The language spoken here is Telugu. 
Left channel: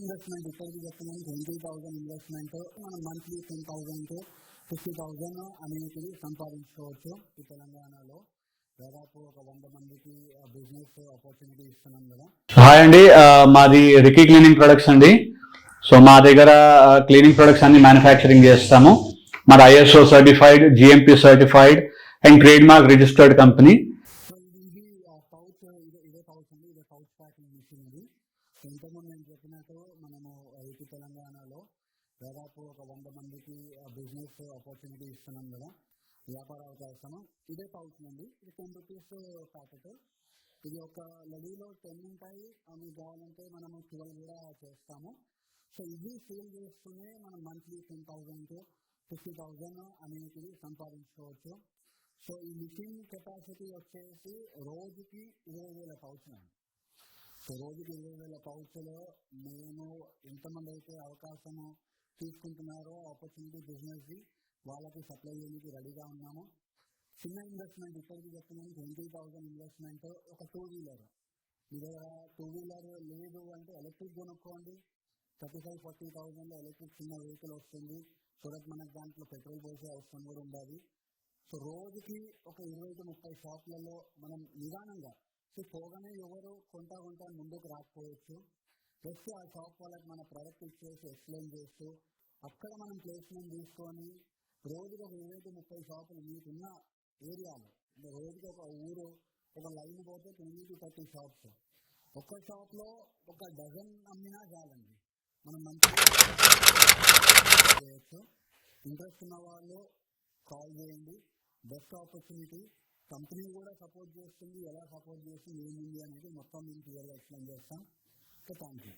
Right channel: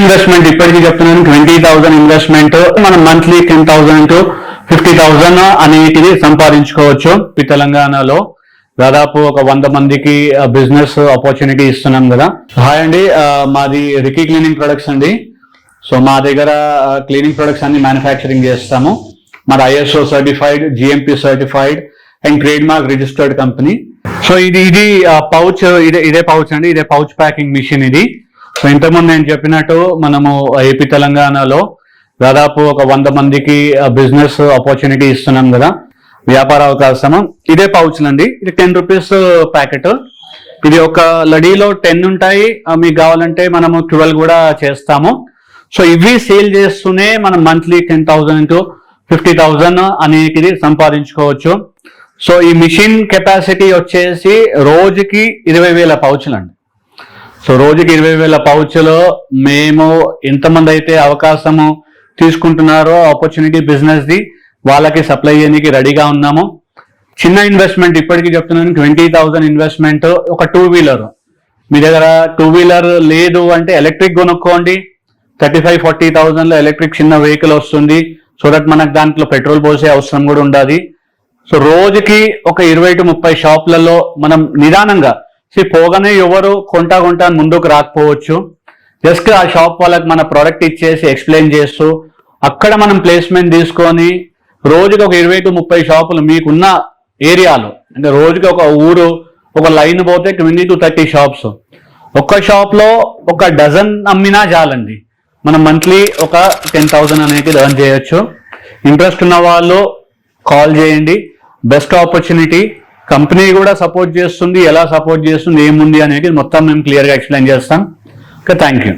ఇన్వెస్ట్మెంట్ ఇప్పటికీ చెప్తున్నాను 20,000 ఇన్వెస్ట్మెంట్ మనం మంత్లీ 10,000 to 50,000 అనేటిది సంపాదించుకోవచ్చు. ఈ తెలంగాణలో దాదాపు ఒక 100 మందికి బిజినెస్ ఆపర్చునిటీ ఇస్తున్నాం కదా. హాయ్ అండి, మాది రికీ క్లీనింగ్ ప్రొడక్ట్స్ అండి. సో మా దగ్గర క్లీనింగ్ ప్రొడక్ట్స్ అన్ని మ్యానుఫ్యాక్చరింగ్ చేస్తాము. మాది ISO certified, GMP certified and trade mark registered company. So ఇది పౌచ్, ఇదే పౌచ్ అండి, ఇదే పౌచ్ ప్యాకింగ్ మిషన్ ఇది. సో ఇంతకుముందు నేను చెప్పినట్టు మనము ఏపీ తెలంగాణలో దాదాపు ఒక 100 మందికి బిజినెస్ ఆపర్చునిటీ ఇస్తున్నాం కదా, వ్యాపార అవకాశము. ఇదే పౌచ్లు అండి, ఇది 10 రూపీస్ ప్యాకెట్. ఇది ఒక లడీలో 10 ఉంటాయి, మీకు కావాలంటే మనము 12 కూడా చేస్తాము. సో ఇవి సేల్ చేస్తూనే మనం మంత్లీ 10,000 to 50,000 అనేది సంపాదించుకోవచ్చు. సో ఈ మిషన్ కెపాసిటీ వచ్చేసి రోజుకి 20,000 పౌచ్లు అండి. సో రోజుకి 20,000 పౌచ్లో మేము ఎంతమంది అయితే అవకాశము తీసుకుంటున్నారో ఆపర్చునిటీ బిజినెస్ది వాళ్ళకి సప్లై చేయడానికి రెడీగా ఉన్నాము. చిన్న ఇన్వెస్ట్మెంట్ ఇప్పటికీ చెప్తున్నాను 20,000 ఇన్వెస్ట్మెంట్. ఒక 2 వీలర్ మీ దగ్గర 2 వీలర్ లేదు అంటే ఎలక్ట్రిక్ కొనుక్కోండి. 35-40,000లో ఎలక్ట్రిక్ చిన్న వెహికల్ వస్తుంది. సో దట్ మనకు దాంట్లో పెట్రోల్ పోసే అవసరం కూడా ఉండదు. సో రోజుకి ఒక 20 to 30 షాపులలో మనం నిదానంగా పోగానే ఎవరు కొంటా అని ముందుకు రాకపోవచ్చు. జస్ట్ ఆ షాప్ వాళ్ళకి మన ప్రోడక్ట్ ఇచ్చేసి ఎక్స్ప్లెయిన్ చేస్తూ అక్కడ మనం ప్లేస్మెంట్ తీసుకొని రోజుకి ఒక 20 to 30 షాపులు మీకున్న ఏరియాలో, అంటే రోజుకి ఒక ఊరు ఒక లైన్ పోతే 20 to 30 షాప్స్. ఒక్క షాప్లో ఒక డజన్ అమ్మినా చాలండి, మనం మంత్లీ ఒక 10,000 అనేది ఎర్న్ చేయొచ్చు. ఇంట్రెస్ట్ ఉన్న వాళ్ళు కాల్ చేయండి. Best opportunity. కంపెనీ కూడా సపోర్ట్ చేస్తుంది, ఎలా సపోర్ట్ చేస్తుంది, ఏముంది అనేది మొత్తం మేము క్లియర్గా ఎక్స్ప్లెయిన్ చేస్తాం. Thank you.